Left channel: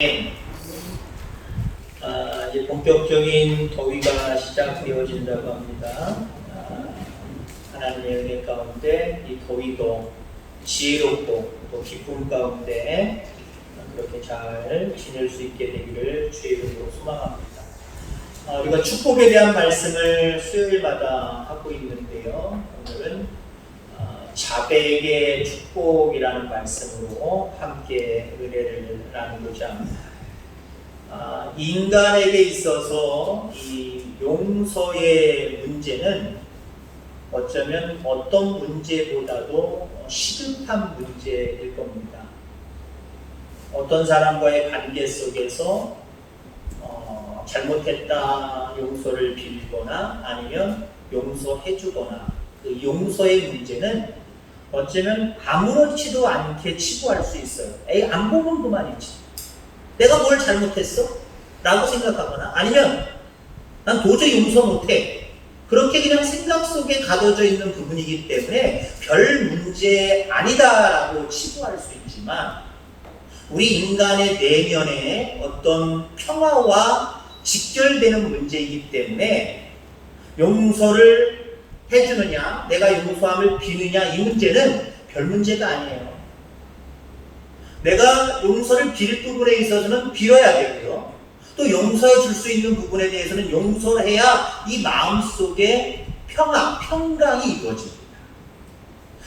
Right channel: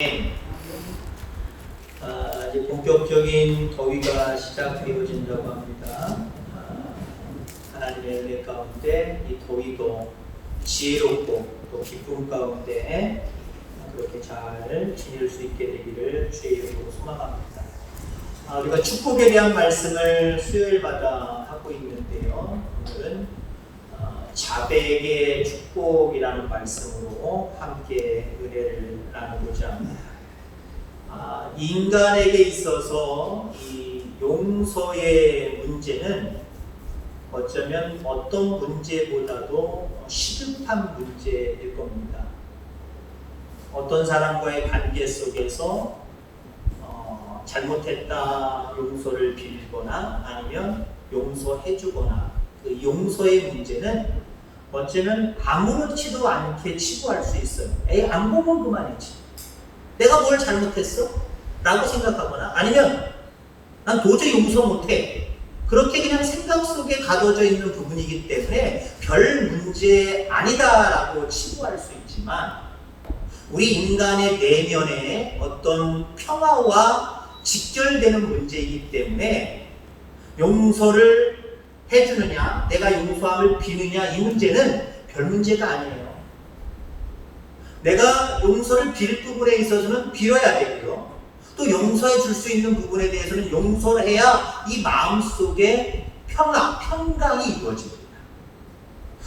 이제 본격적인 더위가 시작되어진다고 합니다. 하나님의 은혜 가운데 이 더위도 지혜롭고 또 기쁨 가운데 그렇게 잘 지낼 수 있게 되기를 주의 이름으로 소망합니다. 우리가 축복에 대한 말씀을 수요일마다 하고 있는데요. 오늘은 자백의 축복이라는 말씀으로 함께 은혜를 나누고자 합니다. 인간에게 있어서 이 용서의 문제는 어쩌면 어떤 문제보다도 시급한 문제일 겁니다. 어떤 사람과의 관계 속에서 잘못했다 용서를 빌거나 아니면 용서해주거나 그 용서의 문제는 어쩌면 아무렇지도 않게 치부할 수 있어요. 에이, 안 보면 그만이지. 내가 뭘 잘못했어? 라고 생각하거나 아니면 난 도저히 용서 못해. 그렇게 그냥 생각 속에 가둬져 있는 부분이기 때문에 별 문제 아니다라고 치부할 수 있지만 우리 인간의 내면에 어떤 평화와 직결되는 문제이기 때문에 용서를 해주느냐, 내가 용서함을 비느냐 이 문제는 별 문제가 아니에요. 내가 용서를 빌 부분에 있어서는 빌어야 되고요. 또 용서해 줄 수 있는 부분에 대해서는 용서를 해야 이 마음속에 평화, 평강이 이루어집니다.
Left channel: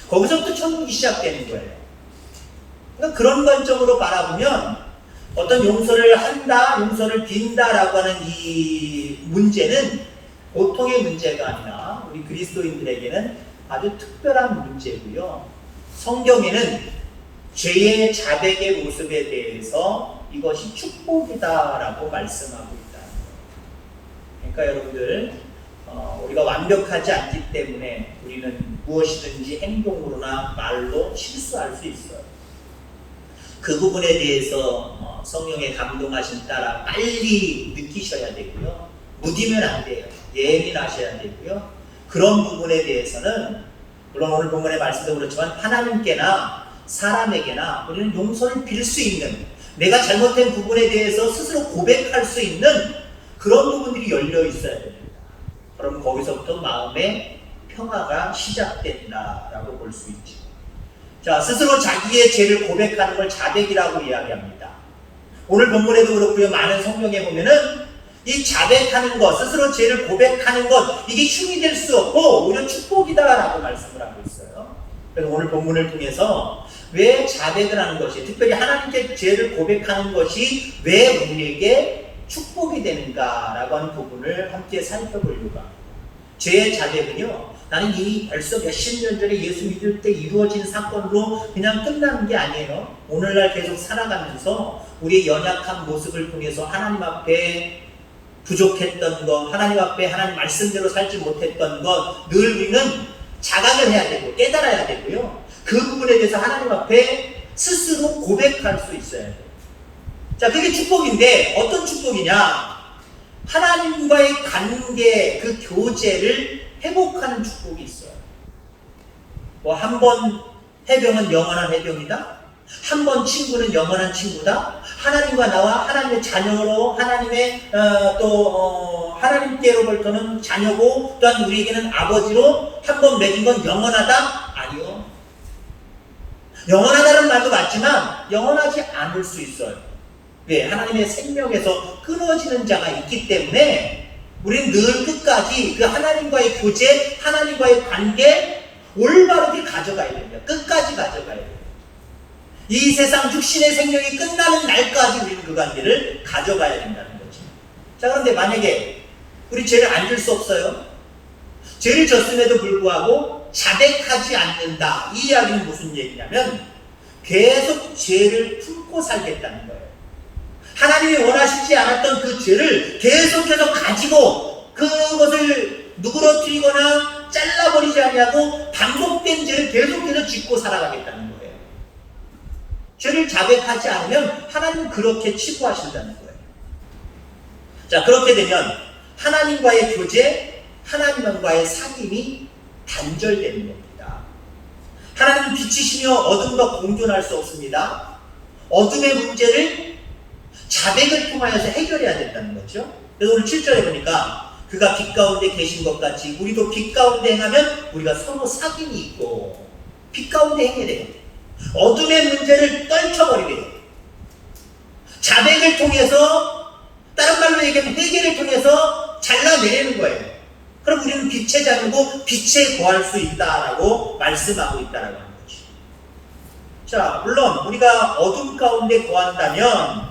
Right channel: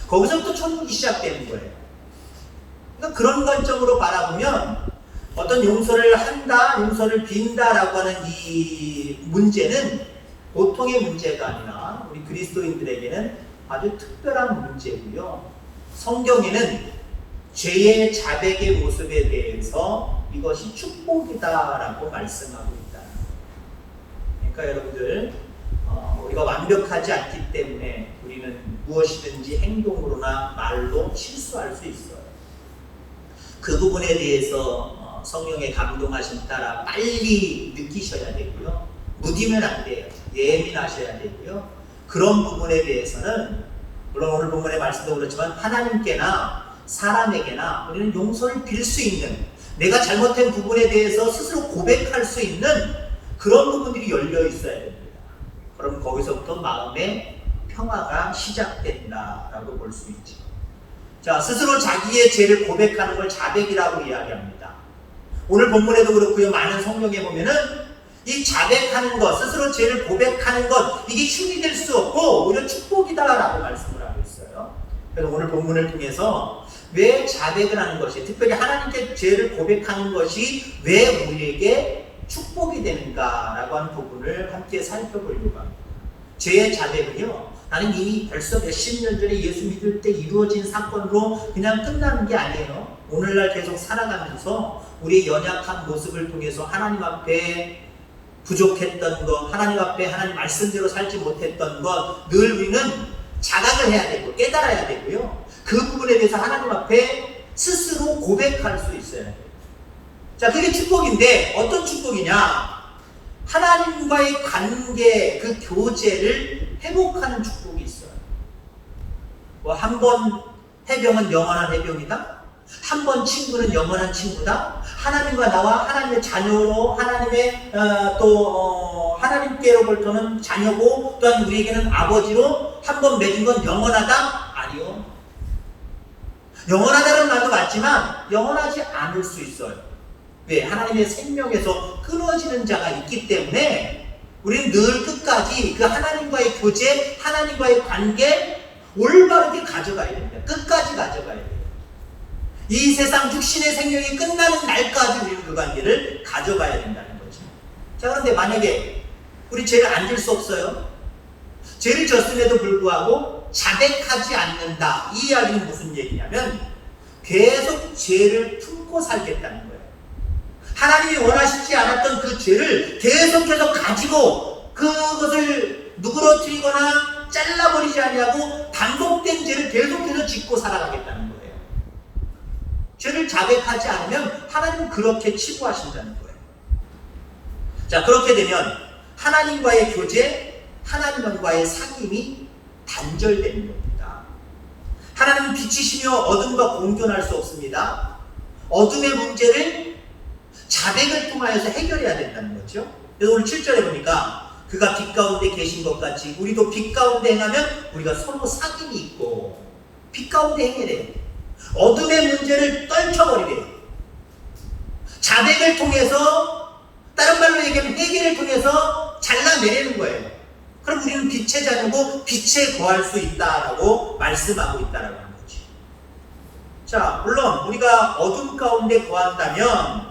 거기서부터 천국이 시작되는 거예요. 그러니까 그런 관점으로 바라보면 어떤 용서를 한다, 용서를 빈다라고 하는 이 문제는 보통의 문제가 아니라 우리 그리스도인들에게는 아주 특별한 문제고요. 성경에는 죄의 자백의 모습에 대해서 이것이 축복이다라고 말씀하고 있다. 그러니까 여러분들 우리가 완벽하지 않기 때문에 우리는 무엇이든지 행동으로나 말로 실수할 수 있어요. 그 부분에 대해서 성령의 감동하신 따라 빨리 느끼셔야 되고요. 무디면 안 돼요. 예민하셔야 되고요. 그런 부분에 대해서는 물론 오늘 본문의 말씀도 그렇지만 하나님께나 사람에게나 우리는 용서를 빌 수 있는, 내가 잘못된 부분에 대해서 스스로 고백할 수 있는 그런 부분들이 열려 있어야 됩니다. 그럼 거기서부터 마음의 평화가 시작된다라고 볼 수 있죠. 자, 스스로 자기의 죄를 고백하는 걸 자백이라고 이야기합니다. 오늘 본문에도 그렇고요. 많은 성경에 보면은 이 자백하는 것, 스스로 죄를 고백하는 것, 이게 힘이 될 수 없고 오히려 축복이다라고 말씀을 하고 있어요. 그래서 오늘 본문을 통해서 왜 자백을 하는 것이, 특별히 하나님께 죄를 고백하는 것이 왜 우리에게 축복이 되는가라고 하는 부분을 함께 살펴보려고 합니다. 죄의 자백은요, 나는 이미 벌써 몇십 년 전에 예수 믿을 때 이루어진 사건으로 그냥 끝나는 게 아니에요. 오늘날 계속 살아가면서 우리의 연약한 모습을 통해서 하나님 앞에 부족했던 것, 하나님 앞에 하나님 말씀대로 살지 못했던 것, 늘 우리는 자각을 해야 되고 깨달아야 되고요. 그 부분에 대해서 하나님 앞에 스스로 고백할 수 있어야 돼요. 자, 그게 축복인데 어떤 축복이냐? 하나님과의 관계, 그 교제를 회복하는 축복이 있어요. 한 번 해병은 영원한 해병이다. 한 번 친구는 영원한 친구다. 하나님과 나와 하나님의 자녀로 하나님의 하나님께로부터는 자녀고 또한 우리에게는 아버지로 한 번 맺은 건 영원하다? 아니요. 영원하다는 말도 맞지만 영원하지 않을 수 있어요. 왜? 하나님의 생명에서 끊어지는 자가 있기 때문에 우리는 늘 끝까지 그 하나님과의 교제, 하나님과의 관계 올바르게 가져가야 됩니다. 끝까지 가져가야 돼요. 이 세상 육신의 생명이 끝나는 날까지 우리는 그 관계를 가져가야 된다는 거죠. 자, 그런데 만약에 우리 죄를 안 질 수 없어요. 죄를 졌음에도 불구하고 자백하지 않는다. 이 이야기는 무슨 얘기냐면 계속 죄를 품고 살겠다는 거예요. 하나님이 원하시지 않았던 그 죄를 계속해서 가지고 그것을 누그러뜨리거나 잘라버리지 않냐고 반복된 죄를 계속해서 짓고 살아가겠다는 거예요. 죄를 자백하지 않으면 하나님은 그렇게 치부하신다는 거예요. 자, 그렇게 되면 하나님과의 교제, 하나님과의 사귐이 단절되는 겁니다. 하나님은 빛이시며 어둠과 공존할 수 없습니다. 어둠의 문제를 자백을 통하여서 해결해야 된다는 거죠. 그래서 오늘 7절에 보니까 그가 빛 가운데 계신 것 같이 우리도 빛 가운데 행하면 우리가 서로 사귐이 있고 빛 가운데 행해야 돼요. 어둠의 문제를 떨쳐버리래요. 자백을 통해서, 다른 말로 얘기하면 회개를 통해서 잘라내리는 거예요. 그럼 우리는 빛의 자녀고 빛에 거할 수 있다라고 말씀하고 있다라고 하는 거죠. 자, 물론 우리가 어둠 가운데 거한다면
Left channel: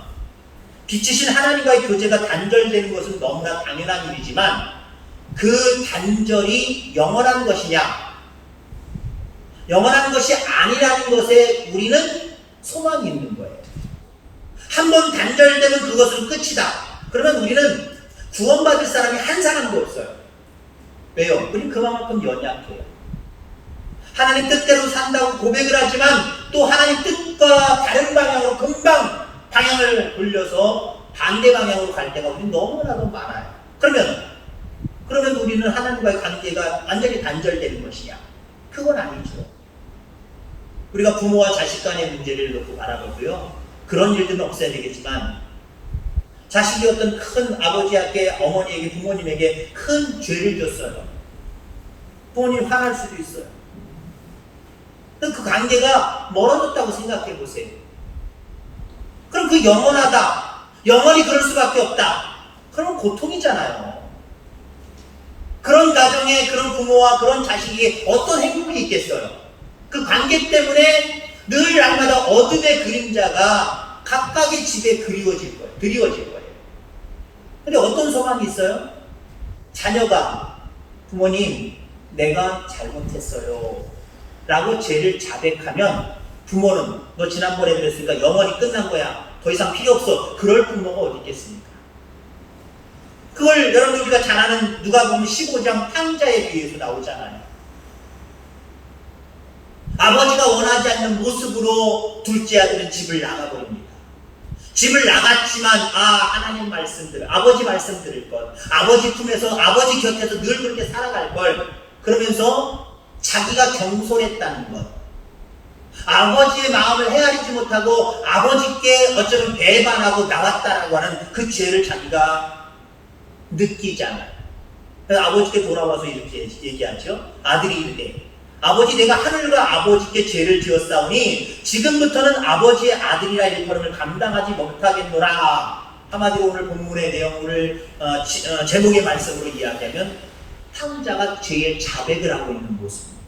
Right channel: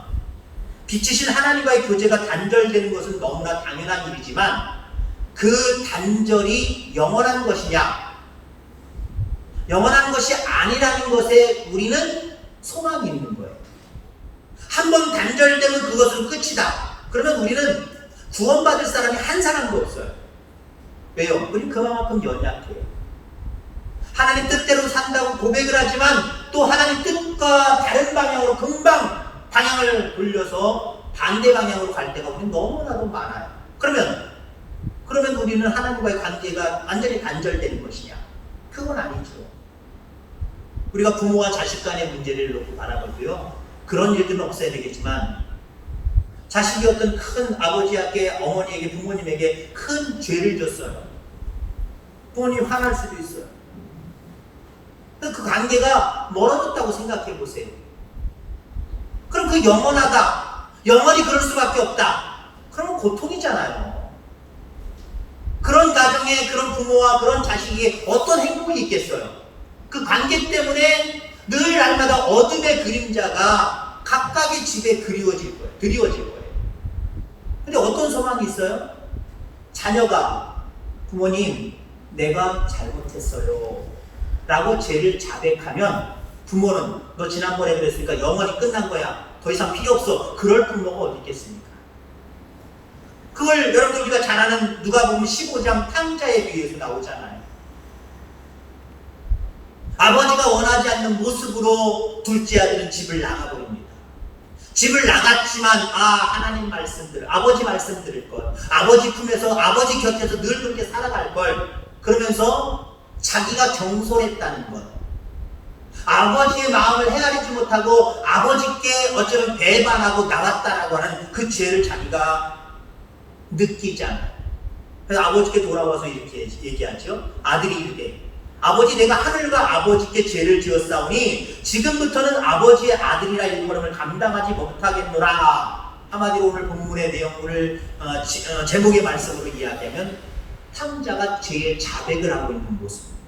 빛이신 하나님과의 교제가 단절되는 것은 너무나 당연한 일이지만 그 단절이 영원한 것이냐, 영원한 것이 아니라는 것에 우리는 소망이 있는 거예요. 한번 단절되면 그것은 끝이다. 그러면 우리는 구원받을 사람이 한 사람도 없어요. 왜요? 우리 그만큼 연약해요. 하나님 뜻대로 산다고 고백을 하지만 또 하나님 뜻과 다른 방향으로 금방 방향을 돌려서 반대 방향으로 갈 때가 우리 너무나도 많아요. 그러면 우리는 하나님과의 관계가 완전히 단절되는 것이냐? 그건 아니죠. 우리가 부모와 자식 간의 문제를 놓고 바라보고요. 그런 일들은 없어야 되겠지만 자식이 어떤 큰 아버지에게, 어머니에게, 부모님에게 큰 죄를 줬어요. 부모님이 화날 수도 있어요. 그 관계가 멀어졌다고 생각해 보세요. 그럼 그 영원하다, 영원히 그럴 수밖에 없다. 그러면 고통이잖아요. 그런 가정에 그런 부모와 그런 자식이 어떤 행복이 있겠어요? 그 관계 때문에 늘 날마다 어둠의 그림자가 각각의 집에 드리워질 거예요. 근데 어떤 소망이 있어요? 자녀가 부모님 내가 잘못했어요 라고 죄를 자백하면 부모는 너 지난번에 그랬으니까 영원히 끝난 거야, 더 이상 필요 없어, 그럴 부모가 어디 있겠습니까? 그걸 여러분 우리가 잘 아는 누가복음 15장 탕자에 비해서 나오잖아요. 아버지가 원하지 않는 모습으로 둘째 아들은 집을 나가버립니다. 집을 나갔지만 하나님 말씀 아버지 말씀 들을 것, 아버지 품에서 아버지 곁에서 늘 그렇게 살아갈 걸, 그러면서 자기가 경솔했다는 것, 아버지의 마음을 헤아리지 못하고 아버지께 어쩌면 배반하고 나왔다라고 하는 그 죄를 자기가 느끼지 않아요. 그래서 아버지께 돌아와서 이렇게 얘기하죠. 아들이 이르되 아버지 내가 하늘과 아버지께 죄를 지었사오니 지금부터는 아버지의 아들이라 일컬음을 감당하지 못하겠노라. 한마디로 오늘 본문의 내용을 제목의 말씀으로 이야기하면 탕자가 죄의 자백을 하고 있는 모습입니다.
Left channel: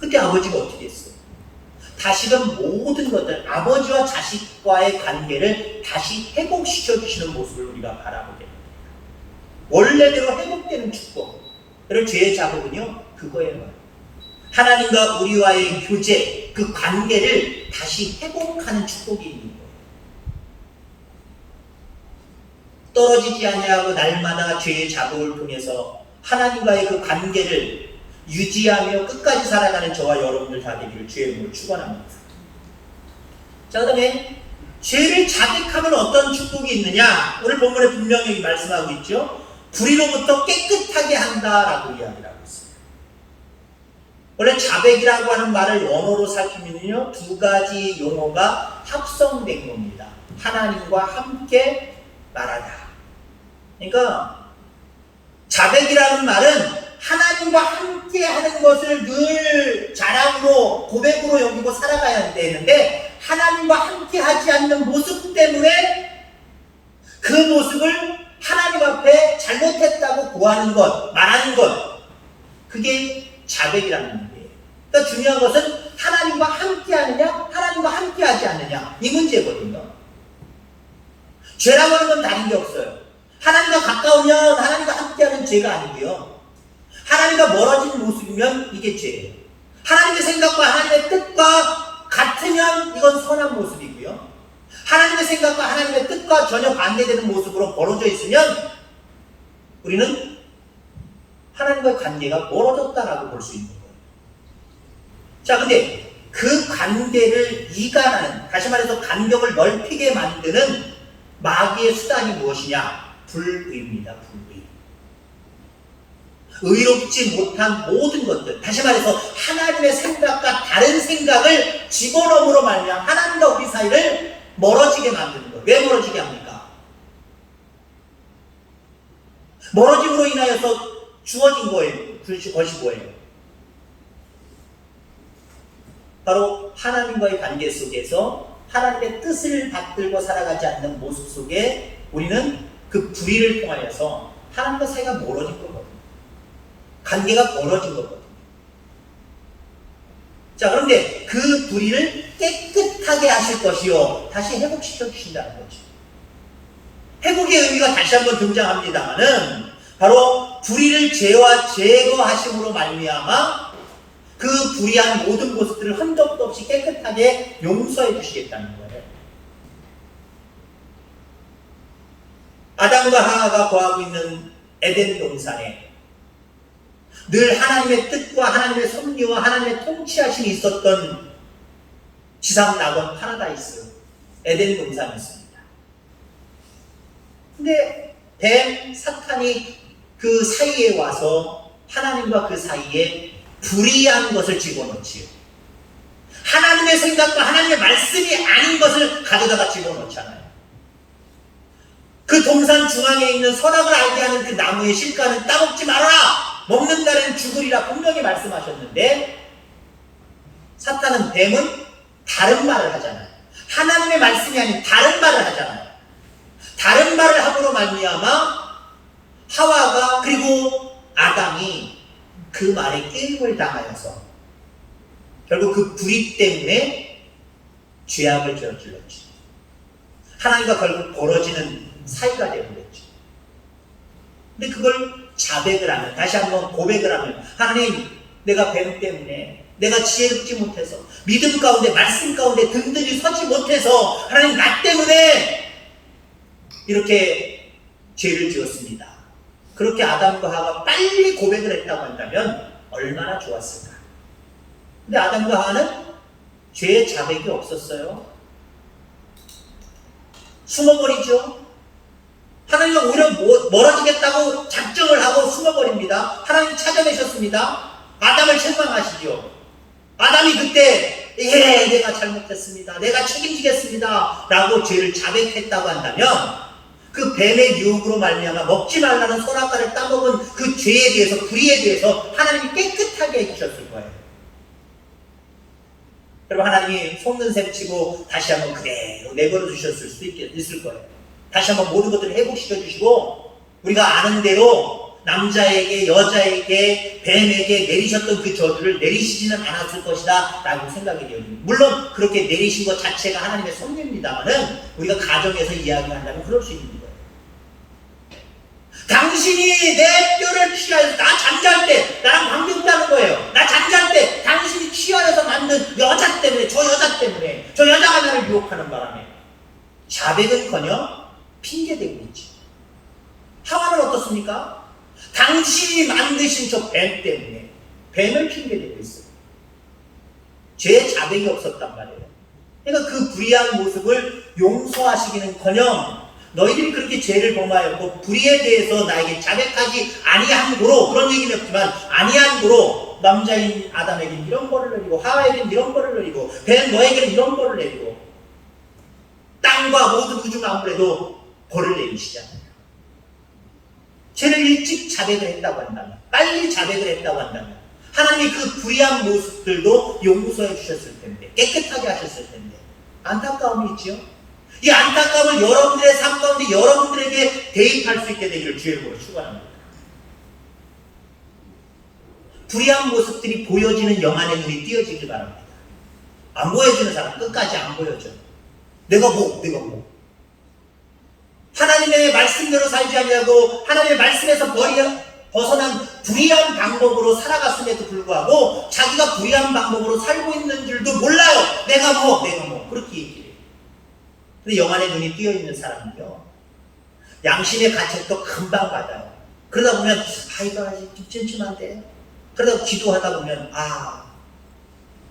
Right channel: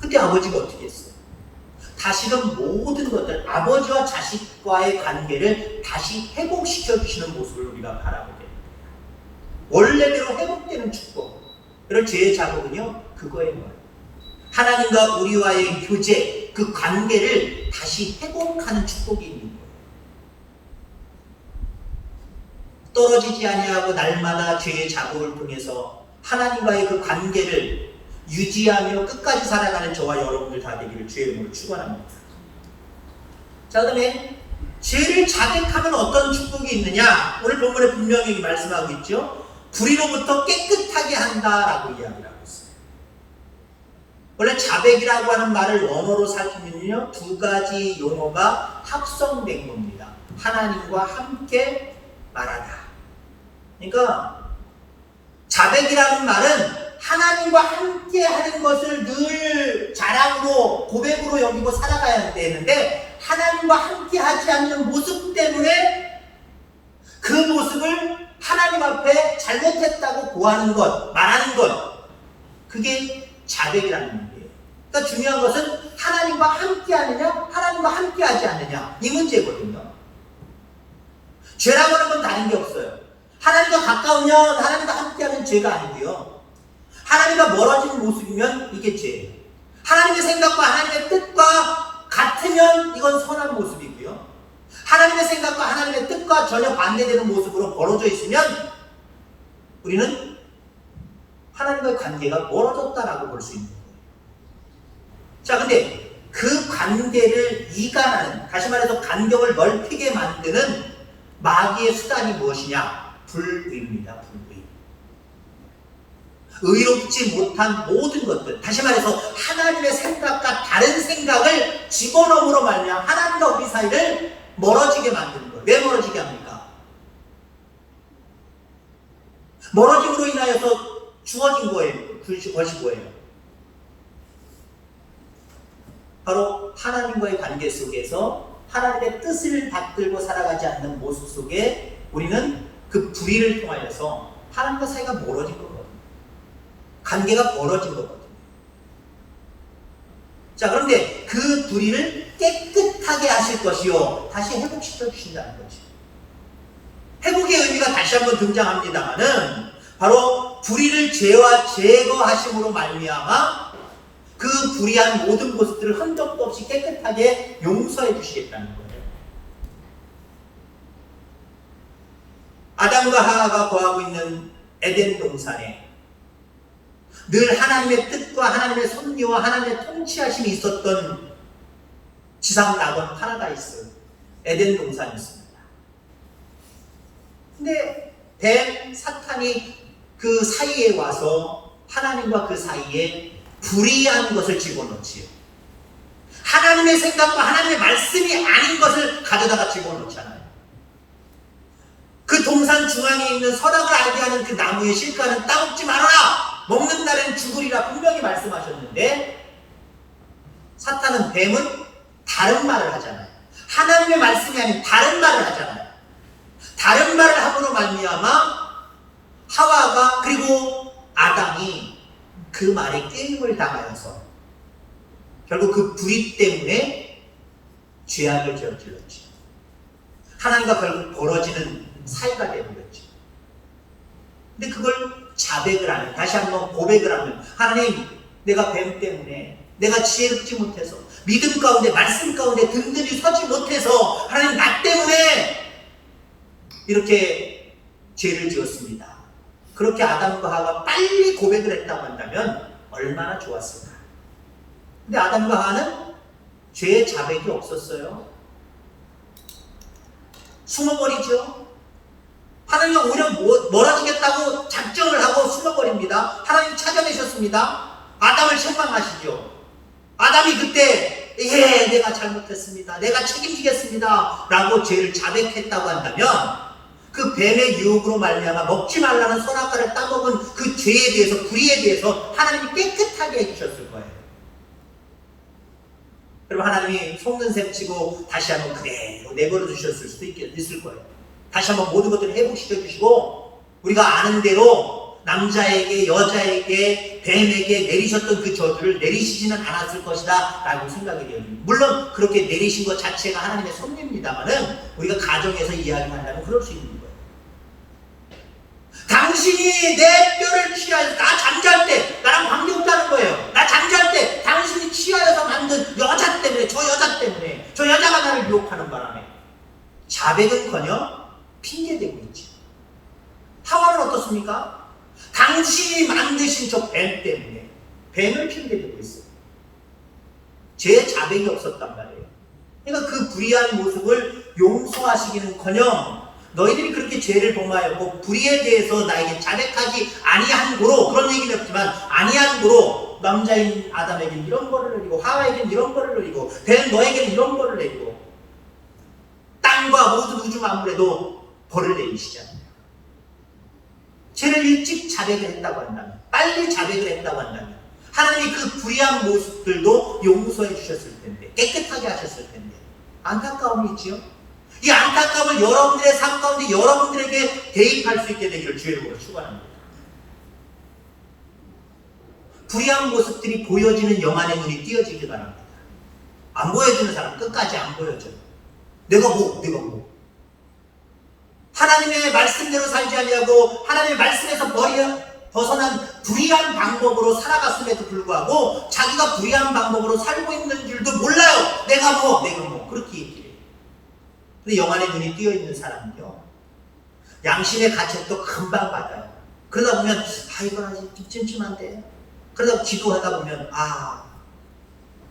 그때 아버지가 어떻게 했어요? 다시금 모든 것들, 아버지와 자식과의 관계를 다시 회복시켜 주시는 모습을 우리가 바라보게 됩니다. 원래대로 회복되는 축복. 그런 죄의 자복은요, 그거예요. 하나님과 우리와의 교제, 그 관계를 다시 회복하는 축복이 있는 거예요. 떨어지지 아니하고 날마다 죄의 자복을 통해서 하나님과의 그 관계를 유지하며 끝까지 살아가는 저와 여러분들 다 되기를 주의 이름으로 축원합니다. 자, 그다음에 죄를 자백하면 어떤 축복이 있느냐? 오늘 본문에 분명히 말씀하고 있죠. 불의로부터 깨끗하게 한다라고 이야기를 하고 있어요. 원래 자백이라고 하는 말을 원어로 살피면요, 두 가지 용어가 합성된 겁니다. 하나님과 함께 말하다. 그러니까 자백이라는 말은 하나님과 함께 하는 것을 늘 자랑으로, 고백으로 여기고 살아가야 되는데 하나님과 함께 하지 않는 모습 때문에 그 모습을 하나님 앞에 잘못했다고 고하는 것, 말하는 것, 그게 자백이라는 문제예요. 그러니까 중요한 것은 하나님과 함께 하느냐, 하나님과 함께 하지 않느냐, 이 문제거든요. 죄라고 하는 건 다른 게 없어요. 하나님과 가까우면 하나님과 함께 하면 죄가 아니고요, 하나님과 멀어진 모습이면 이게 죄예요. 하나님의 생각과 하나님의 뜻과 같으면 이건 선한 모습이고요, 하나님의 생각과 하나님의 뜻과 전혀 반대되는 모습으로 벌어져 있으면 우리는 하나님과의 관계가 멀어졌다라고 볼 수 있는 거예요. 자, 근데 그 관계를 이간하는, 다시 말해서 간격을 넓히게 만드는 마귀의 수단이 무엇이냐? 불의입니다. 불의. 의롭지 못한 모든 것들, 다시 말해서 하나님의 생각과 다른 생각을 집어넣음으로 말미암아 하나님과 우리 사이를 멀어지게 만드는 거예요. 왜 멀어지게 합니까? 멀어짐으로 인하여서 주어진 거예요. 것이 뭐예요? 바로 하나님과의 관계 속에서 하나님의 뜻을 받들고 살아가지 않는 모습 속에 우리는 그 불의를 통하여서 하나님과 사이가 멀어진 거거든요. 관계가 멀어진 거거든요. 자, 그런데 그 불의를 깨끗하게 하실 것이요, 다시 회복시켜 주신다는 거죠. 회복의 의미가 다시 한번 등장합니다만은 바로 불의를 제거하심으로 말미암아 그 불의한 모든 것들을 흔적도 없이 깨끗하게 용서해 주시겠다는 거예요. 아담과 하와가 거하고 있는 에덴 동산에 늘 하나님의 뜻과 하나님의 섭리와 하나님의 통치하심이 있었던 지상 낙원 파라다이스 에덴 동산이었습니다. 근데 뱀 사탄이 그 사이에 와서 하나님과 그 사이에 불의한 것을 집어넣지요. 하나님의 생각과 하나님의 말씀이 아닌 것을 가져다가 집어넣잖아요. 그 동산 중앙에 있는 선악을 알게 하는 그 나무의 실과는 따먹지 말아라! 먹는 날에는 죽으리라 분명히 말씀하셨는데, 사탄은, 뱀은 다른 말을 하잖아요. 하나님의 말씀이 아닌 다른 말을 하잖아요. 다른 말을 함으로 말미암아 하와가 그리고 아담이 그 말에 게임을 당하여서 결국 그 불의 때문에 죄악을 저질렀죠. 하나님과 결국 벌어지는 사이가 되어버렸죠. 근데 그걸 자백을 하면, 다시 한번 고백을 하면, 하나님, 내가 뱀 때문에, 내가 지혜롭지 못해서, 믿음 가운데, 말씀 가운데 든든히 서지 못해서, 하나님 나 때문에 이렇게 죄를 지었습니다. 그렇게 아담과 하와가 빨리 고백을 했다고 한다면 얼마나 좋았을까. 근데 아담과 하와는 죄의 자백이 없었어요. 숨어버리죠. 하나님은 오히려 멀어지겠다고 작정을 하고 숨어버립니다. 하나님 찾아내셨습니다. 아담을 책망하시죠. 아담이 그때 내가 잘못했습니다, 내가 책임지겠습니다 라고 죄를 자백했다고 한다면 그 뱀의 유혹으로 말미암아 먹지 말라는 선악과를 따먹은 그 죄에 대해서, 불의에 대해서 하나님이 깨끗하게 해주셨을 거예요. 그리고 하나님이 속는 셈 치고 다시 한번 그대로 내버려 주셨을 수도 있을 거예요. 다시 한번 모든 것들을 회복시켜 주시고, 우리가 아는 대로 남자에게, 여자에게, 뱀에게 내리셨던 그 저주를 내리시지는 않았을 것이다 라고 생각이 되어집니다. 물론 그렇게 내리신 것 자체가 하나님의 섭리입니다만은 우리가 가정에서 이야기한다면 그럴 수 있는 거예요. 당신이 내 뼈를 취하여서, 나 잠잘 때 나랑 관계없다는 거예요. 나 잠잘 때 당신이 취하여서 만든 여자 때문에, 저 여자 때문에, 저 여자가 나를 유혹하는 바람에 자백은커녕 핑계대고 있지. 하와는 어떻습니까? 당신이 만드신 저 뱀 때문에 뱀을 핑계대고 있어요. 죄의 자백이 없었단 말이에요. 그러니까 그 불의한 모습을 용서하시기는커녕 너희들이 그렇게 죄를 범하였고 불의에 대해서 나에게 자백하지 아니한 고로, 그런 얘기는 없지만 아니한 고로 남자인 아담에게는 이런 벌을 내리고 하와에게는 이런 벌을 내리고 뱀 너에게는 이런 벌을 내리고 땅과 모든 우주 만물에도 벌을 내리시잖아요. 죄를 일찍 자백을 했다고 한다면, 빨리 자백을 했다고 한다면 하나님이 그 불의한 모습들도 용서해 주셨을 텐데, 깨끗하게 하셨을 텐데 안타까움이 있지요. 이 안타까움을 여러분들의 삶 가운데 여러분들에게 대입할 수 있게 되기를 주의 이름으로 축원합니다. 불의한 모습들이 보여지는 영안의 눈이 띄어지길 바랍니다. 안 보여주는 사람 끝까지 안 보여줘. 내가 뭐 하나님의 말씀대로 살지 않냐고 하나님의 말씀에서 벗어난 불의한 방법으로 살아갔음에도 불구하고 자기가 불의한 방법으로 살고 있는 줄도 몰라요. 내가 뭐 그렇게 얘기해요. 근데 영안의 눈이 띄어있는 사람은요, 양심의 가책도 금방 받아요. 그러다 보면 이거 아직 좀 찜찜한데, 그러다 기도하다 보면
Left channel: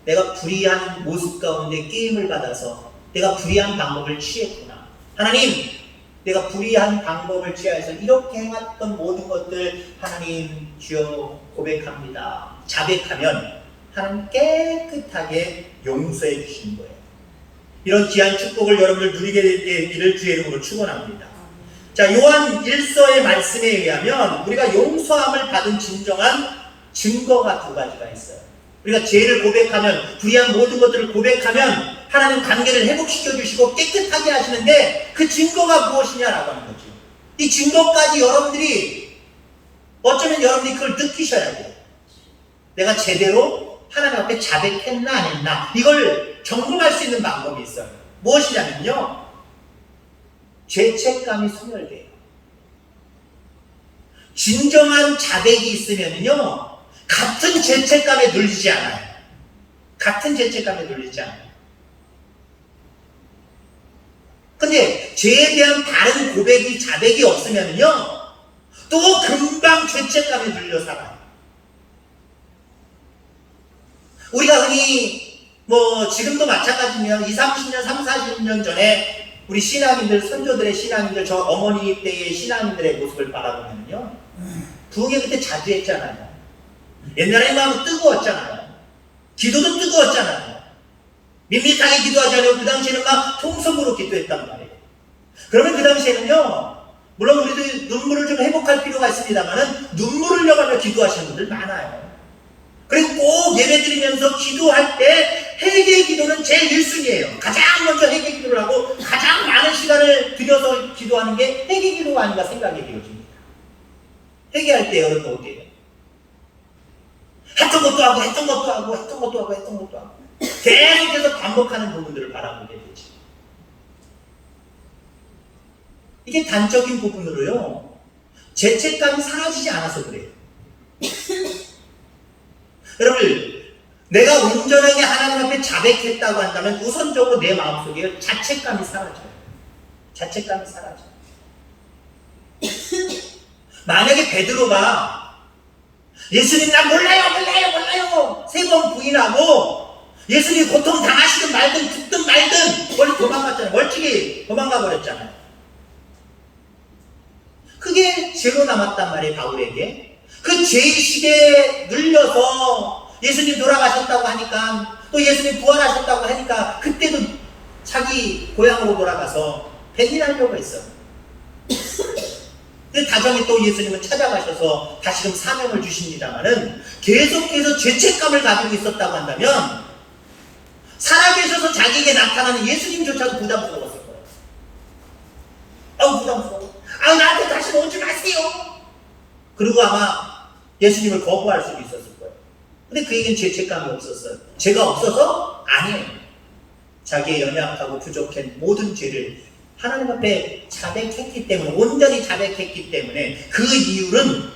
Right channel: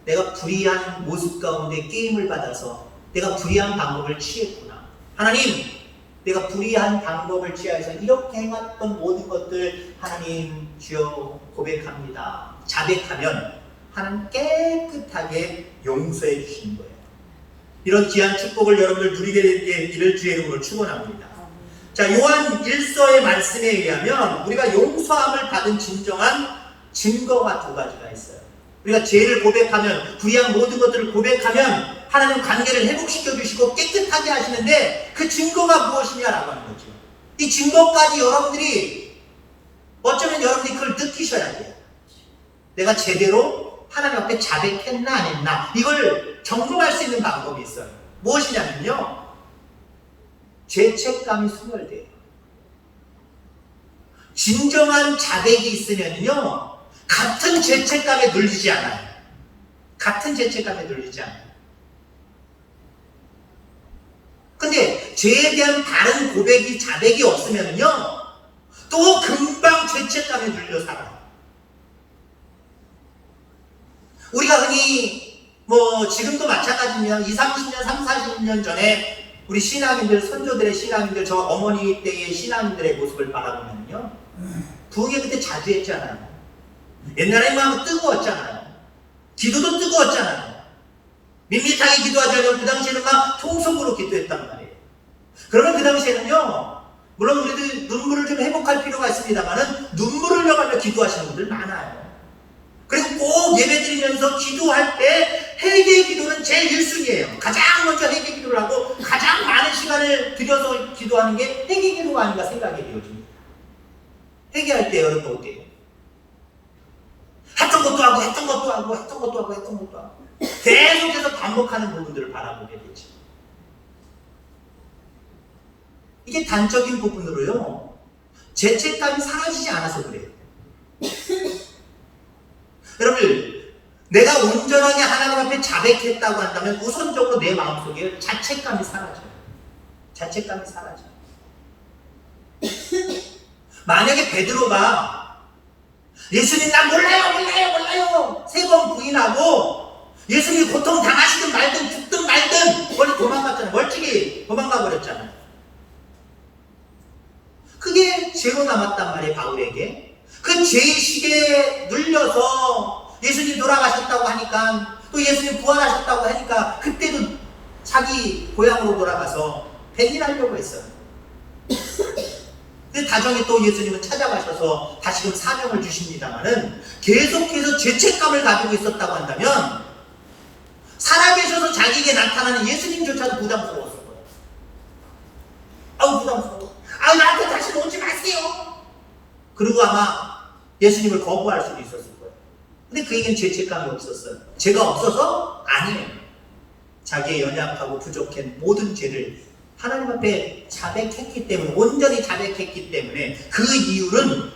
내가 불의한 모습 가운데 게임을 받아서 내가 불의한 방법을 취했구나. 하나님, 내가 불의한 방법을 취해서 이렇게 해왔던 모든 것들 하나님 주여 고백합니다. 자백하면 하나님 깨끗하게 용서해 주시는 거예요. 이런 귀한 축복을 여러분들 누리게 되기를 주의 이름으로 축원합니다. 자, 요한 1서의 말씀에 의하면 우리가 용서함을 받은 진정한 증거가 두 가지가 있어요. 우리가 죄를 고백하면, 불의한 모든 것들을 고백하면 하나님 관계를 회복시켜 주시고 깨끗하게 하시는데 그 증거가 무엇이냐라고 하는 거죠. 이 증거까지 여러분들이 어쩌면 여러분들이 그걸 느끼셔야 돼요. 내가 제대로 하나님 앞에 자백했나 안 했나 이걸 점검할 수 있는 방법이 있어요. 무엇이냐면요, 죄책감이 소멸돼요. 진정한 자백이 있으면요 같은 죄책감에 눌리지 않아요. 같은 죄책감에 눌리지 않아요. 근데 죄에 대한 바른 고백이, 자백이 없으면요 또 금방 죄책감에 눌려 살아요. 우리가 흔히 지금도 마찬가지입니다. 20, 30년, 30, 40년 전에 우리 신앙인들, 선조들의 신앙인들, 저 어머니 때의 신앙인들의 모습을 바라보면요 부흥회 그때 자주 했잖아요. 옛날에 막 뜨거웠잖아요. 기도도 뜨거웠잖아요. 밋밋하게 기도하지 않고 그 당시에는 막 통성으로 기도했단 말이에요. 그러면 그 당시에는요 물론 우리도 눈물을 좀 회복할 필요가 있습니다만은 눈물을 흘려가며 기도하시는 분들 많아요. 그리고 꼭 예배 드리면서 기도할 때 회개 기도는 제일 1순위예요. 가장 먼저 회개 기도를 하고 가장 많은 시간을 들여서 기도하는 게 회개 기도가 아닌가 생각이 되어집니다. 회개할 때 여러분 어때요? 했던 것도 하고 했던 것도 하고 했던 것도 하고 했던 것도 하고 계속해서 반복하는 부분들을 바라보게 되죠. 이게 단적인 부분으로요 죄책감이 사라지지 않아서 그래요. 여러분, 내가 온전하게 하나님 앞에 자백했다고 한다면 우선적으로 내 마음속에 자책감이 사라져요. 자책감이 사라져요. 만약에 베드로가 예수님 나 몰라요 3번 부인하고 예수님 고통 당하시든 말든 죽든 말든 멀리 도망갔잖아요. 멀찍이 도망가 버렸잖아요. 그게 죄로 남았단 말이에요. 바울에게. 그 죄의식에 눌려서 예수님 돌아가셨다고 하니까, 또 예수님 부활하셨다고 하니까 그때도 자기 고향으로 돌아가서 배신하려고 했어요. 근데 다정히 또 예수님은 찾아가셔서 다시금 사명을 주십니다만은 계속해서 죄책감을 가지고 있었다고 한다면 살아계셔서 자기에게 나타나는 예수님조차도 부담스러웠을 거예요. 아우 부담스러워. 아우 나한테 다시는 오지 마세요. 그리고 아마 예수님을 거부할 수도 있었을 거예요. 근데 그에겐 죄책감이 없었어요. 죄가 없어서? 아니에요. 자기의 연약하고 부족한 모든 죄를 하나님 앞에 자백했기 때문에, 온전히 자백했기 때문에 그 이유는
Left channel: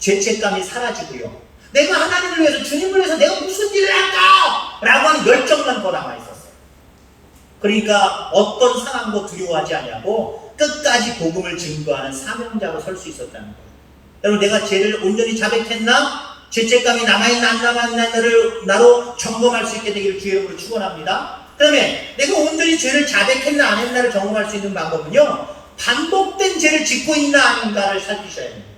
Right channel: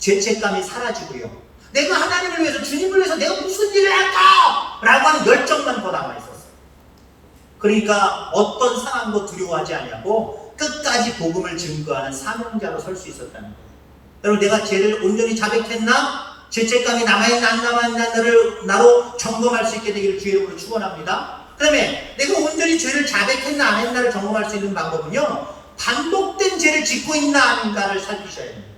죄책감이 사라지고요. 내가 하나님을 위해서, 주님을 위해서 내가 무슨 일을 할까? 라고 하는 열정만 더 남아있었어요. 그러니까 어떤 상황도 두려워하지 않냐고 끝까지 복음을 증거하는 사명자로 설 수 있었다는 거예요. 여러분, 내가 죄를 온전히 자백했나? 죄책감이 남아있나 안 남아있나를 나로 점검할 수 있게 되기를 주의 이름으로 축원합니다. 그 다음에 내가 온전히 죄를 자백했나 안 했나를 점검할 수 있는 방법은요, 반복된 죄를 짓고 있나 아닌가를 살피셔야 됩니다.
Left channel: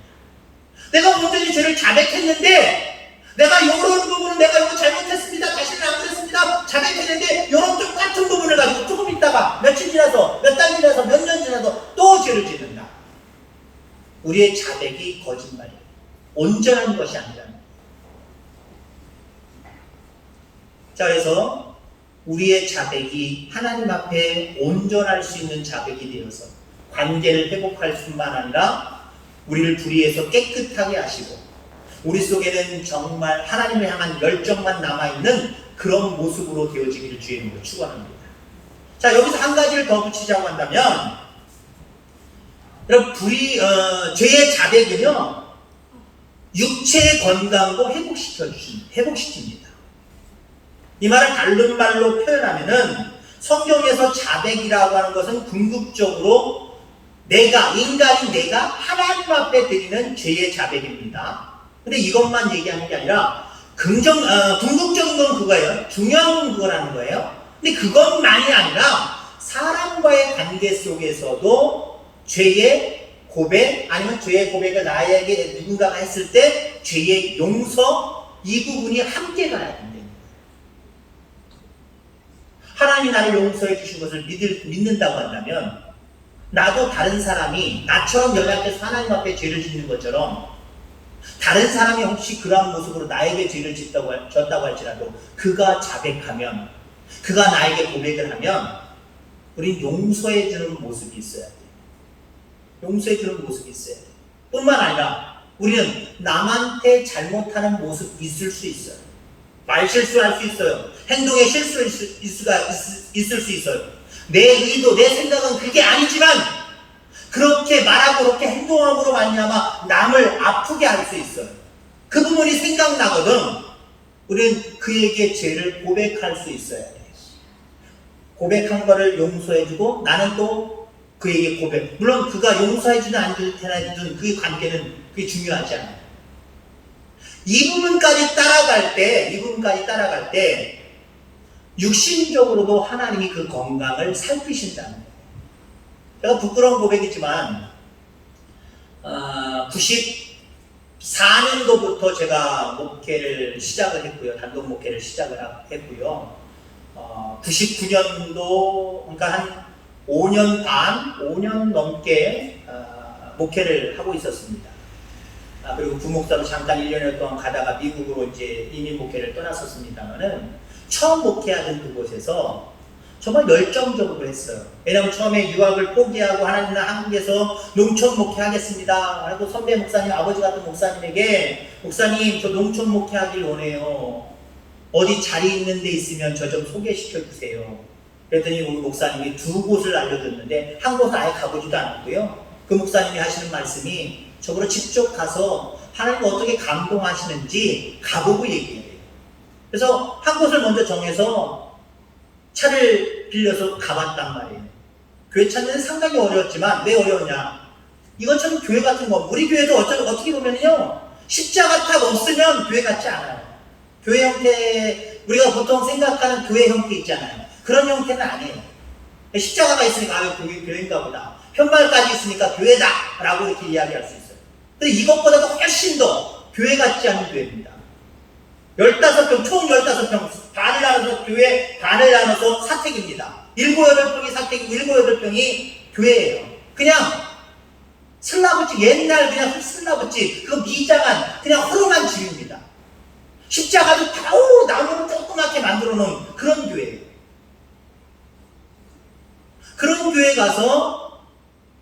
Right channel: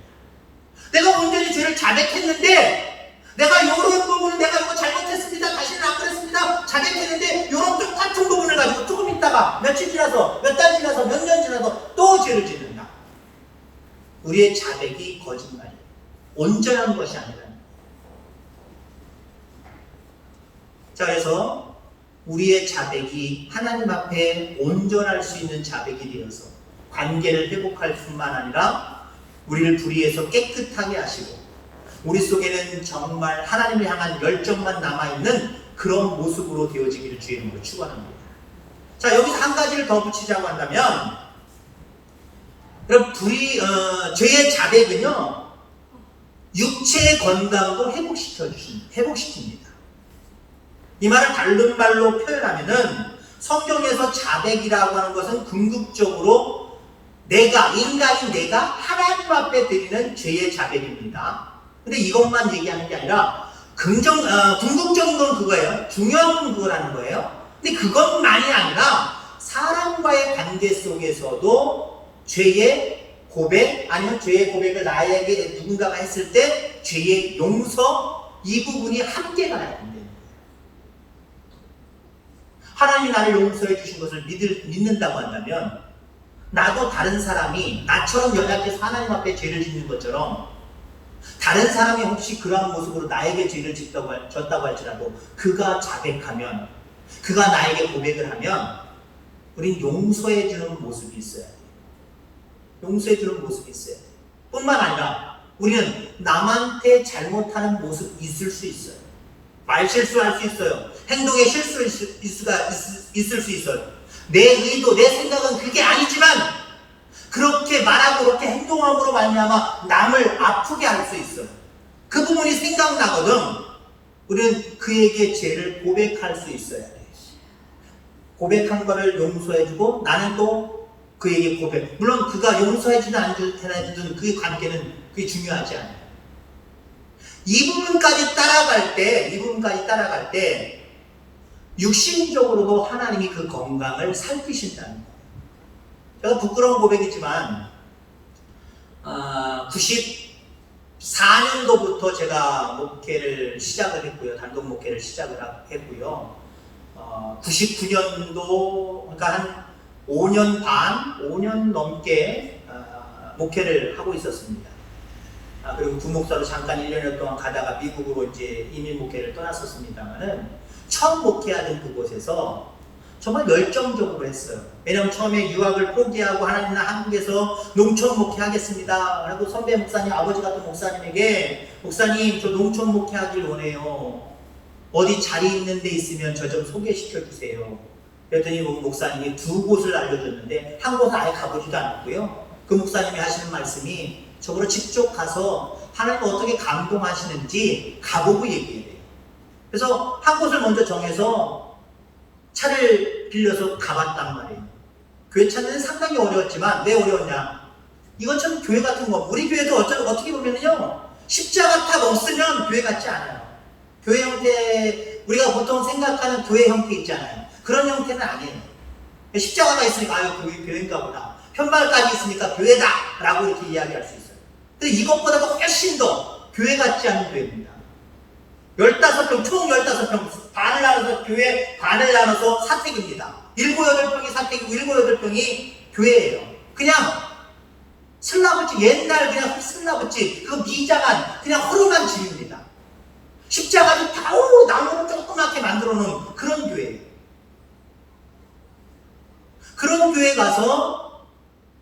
내가 온전히 죄를 자백했는데 내가 이런 부분은 내가 이거 잘못했습니다, 다시는 안 그랬습니다 자백했는데 이런 똑같은 부분을 가지고 조금 있다가 며칠 지나서, 몇 달 지나서, 몇 년 지나서 또 죄를 짓는다. 우리의 자백이 거짓말이에요. 온전한 것이 아니라. 자, 그래서 우리의 자백이 하나님 앞에 온전할 수 있는 자백이 되어서 관계를 회복할 뿐만 아니라 우리를 불의해서 깨끗하게 하시고 우리 속에는 정말 하나님을 향한 열정만 남아있는 그런 모습으로 되어지기를 주의 이름으로 축원합니다. 자, 여기서 한 가지를 더 붙이자고 한다면, 여러분, 죄의 자백은요 육체의 건강도 회복시킵니다. 이 말을 다른 말로 표현하면은 성경에서 자백이라고 하는 것은 궁극적으로 인간인 내가 하나님 앞에 드리는 죄의 자백입니다. 근데 이것만 얘기하는 게 아니라 궁극적인 건 그거예요. 중요한 건 그거라는 거예요. 근데 그것만이 아니라 사람과의 관계 속에서도 죄의 고백, 아니면 죄의 고백을 나에게 누군가가 했을 때 죄의 용서, 이 부분이 함께 가야 됩니다. 하나님이 나를 용서해 주신 것을 믿는다고 한다면 나도 다른 사람이 나처럼 연약해서 하나님 앞에 죄를 짓는 것처럼 다른 사람이 혹시 그러한 모습으로 나에게 죄를 졌다고 할지라도 그가 자백하면, 그가 나에게 고백을 하면 우린 용서해 주는 모습이 있어야 돼요. 용서해 주는 모습이 있어야 돼요. 뿐만 아니라 우리는 남한테 잘못하는 모습이 있을 수 있어요. 말 실수할 수 있어요. 행동에 실수할 있을 수 있어요. 내 의도, 내 생각은 그게 아니지만 그렇게 말하고 그렇게 행동함으로 말미암아 남을 아프게 할 수 있어요. 그 부분이 생각나거든. 우리는 그에게 죄를 고백할 수 있어야 돼요. 고백한 거를 용서해주고 나는 또 그에게 고백. 물론 그가 용서해주든 안 해주든 그 관계는 그게 중요하지 않아요. 이 부분까지 따라갈 때 육신적으로도 하나님이 그 건강을 살피신다는 거예요. 제가 부끄러운 고백이지만 94년도부터 제가 목회를 시작을 했고요. 단독 목회를 시작을 했고요. 99년도 그러니까 한 5년 넘게 목회를 하고 있었습니다. 그리고 부목사로 잠깐 1년여 동안 가다가 미국으로 이제 이민 목회를 떠났었습니다만은 처음 목회하던 그곳에서 정말 열정적으로 했어요. 왜냐하면 처음에 유학을 포기하고 하나님 나 한국에서 농촌 목회하겠습니다 하고 선배 목사님, 아버지 같은 목사님에게 목사님 저 농촌 목회하길 원해요. 어디 자리 있는 데 있으면 저 좀 소개시켜 주세요. 그랬더니 목사님이 두 곳을 알려줬는데 한 곳은 아예 가보지도 않았고요. 그 목사님이 하시는 말씀이 저거로 직접 가서 하나님 어떻게 감동하시는지 가보고 얘기해요. 그래서 한 곳을 먼저 정해서 차를 빌려서 가봤단 말이에요. 교회 찾는 데는 상당히 어려웠지만 왜 어려웠냐? 이것처럼 교회 같은 거, 우리 교회도 어떻게 보면요, 십자가탑 없으면 교회 같지 않아요. 교회 형태, 우리가 보통 생각하는 교회 형태 있잖아요. 그런 형태는 아니에요. 십자가가 있으니까 교회인가 보다. 편말까지 있으니까 교회다 라고 이렇게 이야기할 수 있어요. 근데 이것보다도 훨씬 더 교회 같지 않은 교회입니다. 15평, 총 15평, 반을 나눠서 교회, 반을 나눠서 사택입니다. 7, 8평이 사택이고 7, 8평이 교회예요. 그냥 슬라브집, 옛날 그냥 슬라브집, 그거 미장한 그냥 허름한 집입니다. 십자가도 다우 나무로 조그맣게 만들어 놓은 그런 교회예요. 그런 교회 가서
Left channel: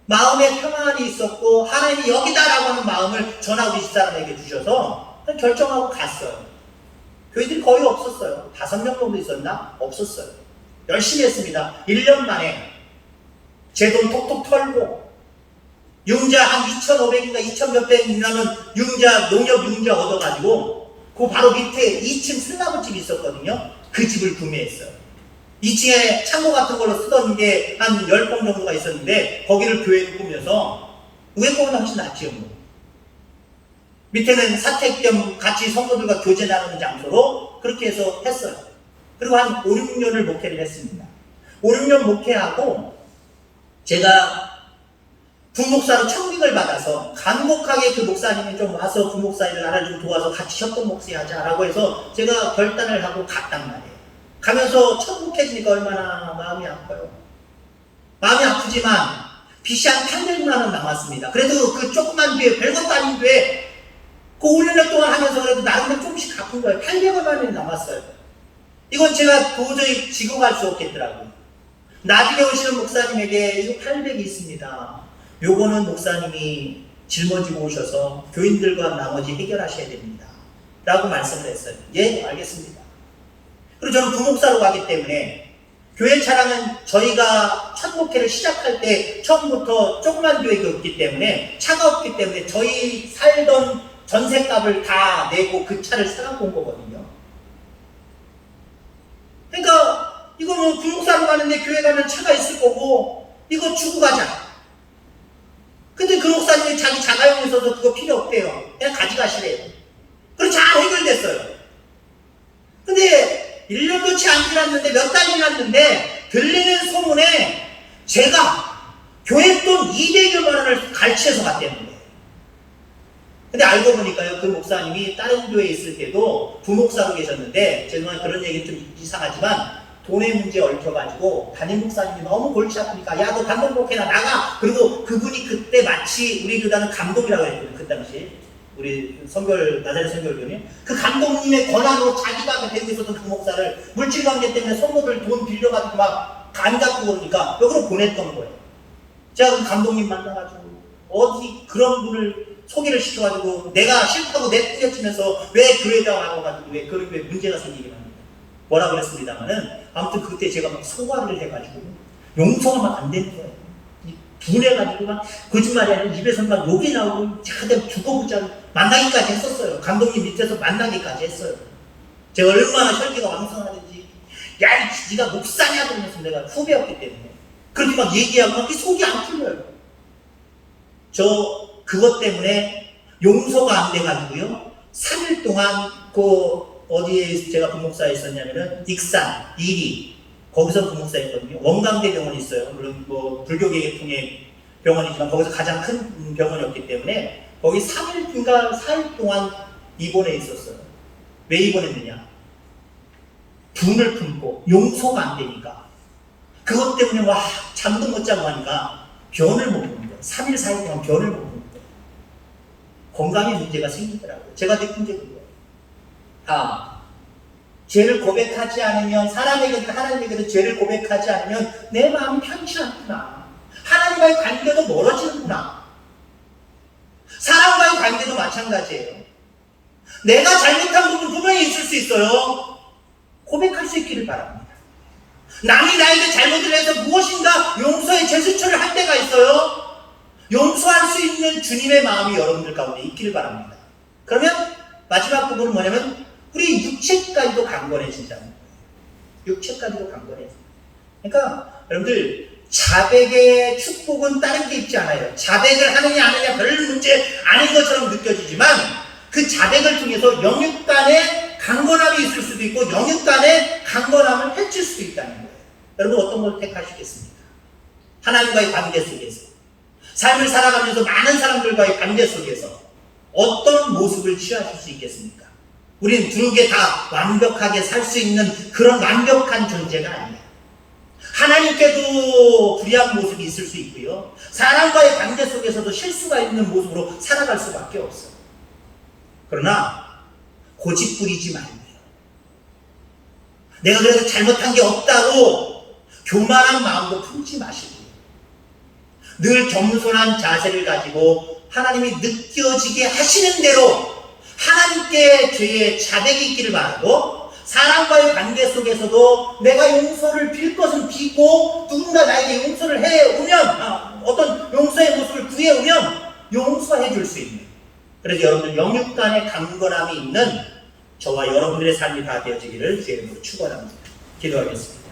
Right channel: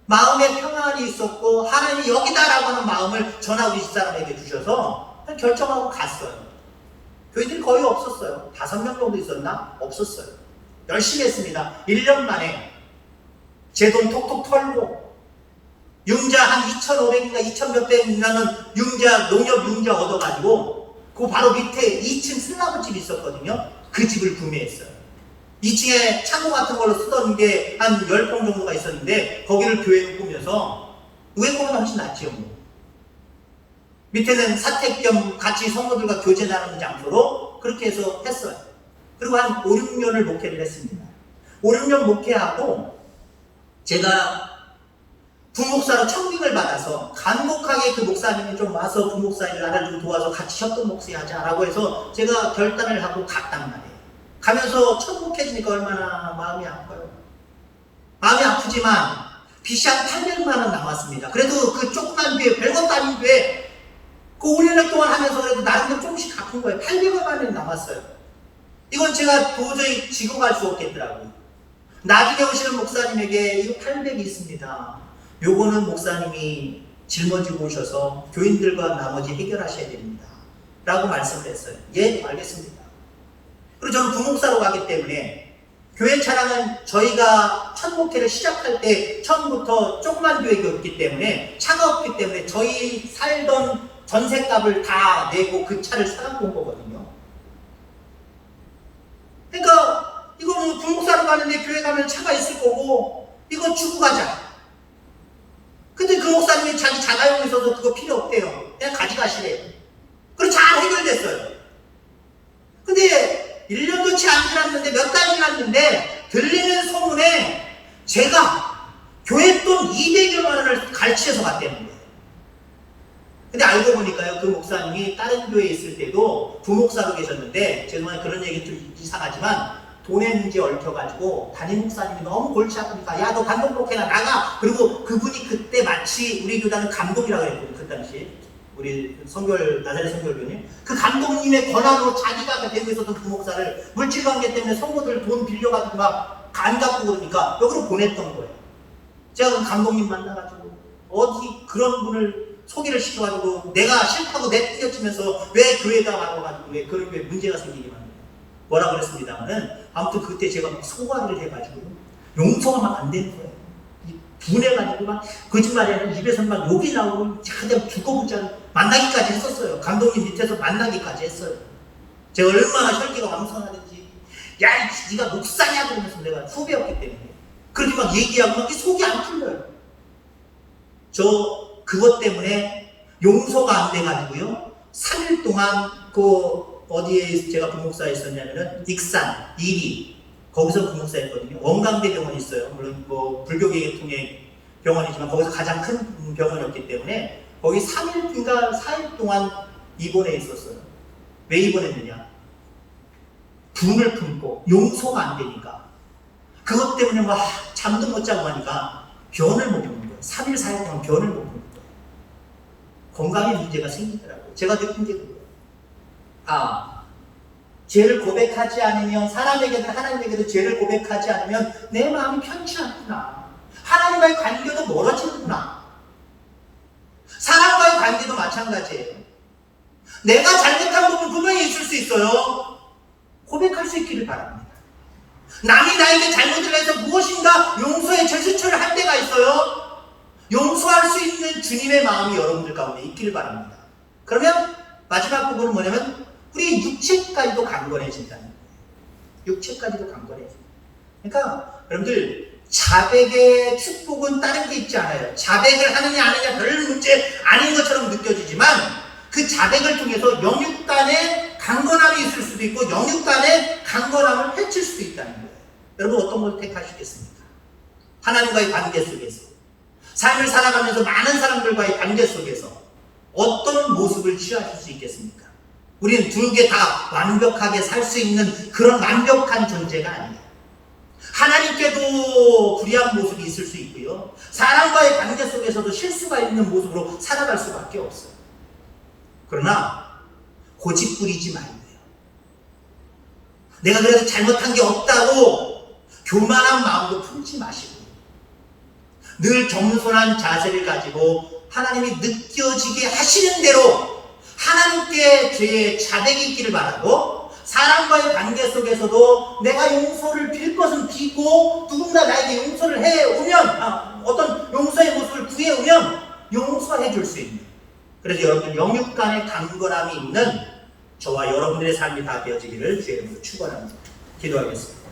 마음에 평안이 있었고 하나님이 여기다라고 하는 마음을 전하고 이 집사람에게 주셔서 결정하고 갔어요. 교회들이 거의 없었어요. 5명 정도 있었나? 없었어요. 열심히 했습니다. 1년 만에 제 돈 톡톡 털고 융자 한 2,500인가 2,000몇 백이라는 농협 융자 얻어가지고 그 바로 밑에 2층 슬라브집이 있었거든요. 그 집을 구매했어요. 2층에 창고 같은 걸로 쓰던 게 한 10평 정도가 있었는데 거기를 교회로 꾸며서 위에 거보다 훨씬 낫지요. 밑에는 사택 겸 같이 성도들과 교제 나누는 장소로 그렇게 해서 했어요. 그리고 한 5, 6년을 목회를 했습니다. 5, 6년 목회하고 제가 부목사로 청직을 받아서 간곡하게 그 목사님이 좀 와서 부목사 일을 나를 좀 도와서 같이 협동 목사하자라고 해서 제가 결단을 하고 갔단 말이에요. 가면서 청국해지니까 얼마나 마음이 아파요. 마음이 아프지만 빚이 한 800만 원 남았습니다. 그래도 그 조그만 교회, 별것도 아닌 교회 그 5년 동안 하면서 그래도 나름대로 조금씩 갚은 거예요. 800만 원이 남았어요. 이건 제가 도저히 지고 갈 수 없겠더라고요. 나중에 오시는 목사님에게 이거 800이 있습니다. 요거는 목사님이 짊어지고 오셔서 교인들과 나머지 해결하셔야 됩니다. 라고 말씀을 했어요. 예, 알겠습니다. 그리고 저는 부목사로 가기 때문에 교회 차량은 저희가 첫 목회를 시작할 때 처음부터 조그만 교회였기 때문에 차가 없기 때문에 저희 살던 전셋값을 다 내고 그 차를 사갖고 온 거거든요. 그러니까 이거 뭐 부목사로 가는데 교회 가면 차가 있을 거고 이거 주고 가자. 근데 그 목사님이 자기 자가용에 있어서 그거 필요 없대요. 그냥 가져가시래요. 그래서 잘 해결됐어요. 근데 1년도 채 안 지났는데 몇 달이 났는데 들리는 소문에 제가 교회 돈 200여만 원을 갈취해서 갔다는 거예요. 근데 알고 보니까요, 그 목사님이 다른 교회에 있을 때도 부목사로 계셨는데, 죄송해요, 그런 얘기는 좀 이상하지만 돈의 문제에 얽혀가지고 담임 목사님이 너무 골치 아프니까 야 너 감독목회나 나가. 그리고 그분이 그때 마치 우리 교단은 감독이라고 했거든요. 그 당시 우리 선결 나사렛 선결교님 그 감독님의 권한으로 자기가 되고 있었던 그 목사를 물질관계 때문에 성도들 돈 빌려가지고 막 안 갚고 그러니까 여기로 보냈던 거예요. 제가 그 감독님 만나가지고 어디 그런 분을 소개를 시켜가지고 내가 싫다고 내뿌려치면서 왜 교회에다 나와가지고 왜 그런 게 문제가 생기게 합니다. 뭐라 그랬습니다만은 아무튼 그때 제가 막 소화를 해가지고 용서가 막 안 되는 거예요. 분해가지고 막 거짓말이 아니라 입에서 막 욕이 나오고 자꾸 죽어보자 만나기까지 했었어요. 감독님 밑에서 만나기까지 했어요. 제가 얼마나 혈기가 왕성하는지 야 네가 목사냐 그러면서 내가 후배였기 때문에 그렇게 막 얘기하고 막 속이 안 풀려요. 저 그것 때문에 용서가 안 돼가지고요 3일 동안 그 어디에 제가 부목사에 있었냐면은 익산, 이리 거기서 부목사였거든요. 원광대 병원이 있어요. 물론 뭐 불교계통의 병원이지만 거기서 가장 큰 병원이었기 때문에 거기 3일인가 4일 동안 입원해 있었어요. 왜 입원했느냐? 분을 품고 용서가 안 되니까 그것 때문에 와 잠도 못 자고 하니까 변을 못 보는 거예요. 3일 4일 동안 변을 못 보는 거예요. 건강에 문제가 생기더라고요. 제가 느낀 게 그거예요. 죄를 고백하지 않으면 사람에게든 하나님에게든 죄를 고백하지 않으면 내 마음이 편치 않구나. 하나님과의 관계도 멀어지는구나. 사람과의 관계도 마찬가지예요. 내가 잘못한 부분 분명히 있을 수 있어요. 고백할 수 있기를 바랍니다. 남이 나에게 잘못을 해서 무엇인가 용서의 제스처를 할 때가 있어요. 용서할 수 있는 주님의 마음이 여러분들 가운데 있기를 바랍니다. 그러면 마지막 부분은 뭐냐면 우리 육체까지도 강건해진다는 거예요. 육체까지도 강건해진다. 그러니까 여러분들 자백의 축복은 다른 게 있지 않아요. 자백을 하느냐 안 하느냐 별 문제 아닌 것처럼 느껴지지만 그 자백을 통해서 영육 간의 강건함이 있을 수도 있고 영육 간의 강건함을 펼칠 수도 있다는 거예요. 여러분 어떤 걸 택하시겠습니까? 하나님과의 관계 속에서 삶을 살아가면서 많은 사람들과의 관계 속에서 어떤 모습을 취하실 수 있겠습니까? 우리는 두 개 다 완벽하게 살 수 있는 그런 완벽한 존재가 아니에요. 하나님께도 불의한 모습이 있을 수 있고요. 사람과의 관계 속에서도 실수가 있는 모습으로 살아갈 수밖에 없어요. 그러나 고집 부리지 말고요. 내가 그래도 잘못한 게 없다고 교만한 마음도 품지 마시고 늘 겸손한 자세를 가지고 하나님이 느껴지게 하시는 대로 하나님께 죄의 자백이 있기를 바라고 사람과의 관계 속에서도 내가 용서를 빌 것은 비고 누군가 나에게 용서를 해오면 어떤 용서의 모습을 구해오면 용서해 줄 수 있는 그래서 여러분들 영육 간의 강건함이 있는 저와 여러분들의 삶이 다 되어지기를 주의 이름으로 축원합니다. 기도하겠습니다.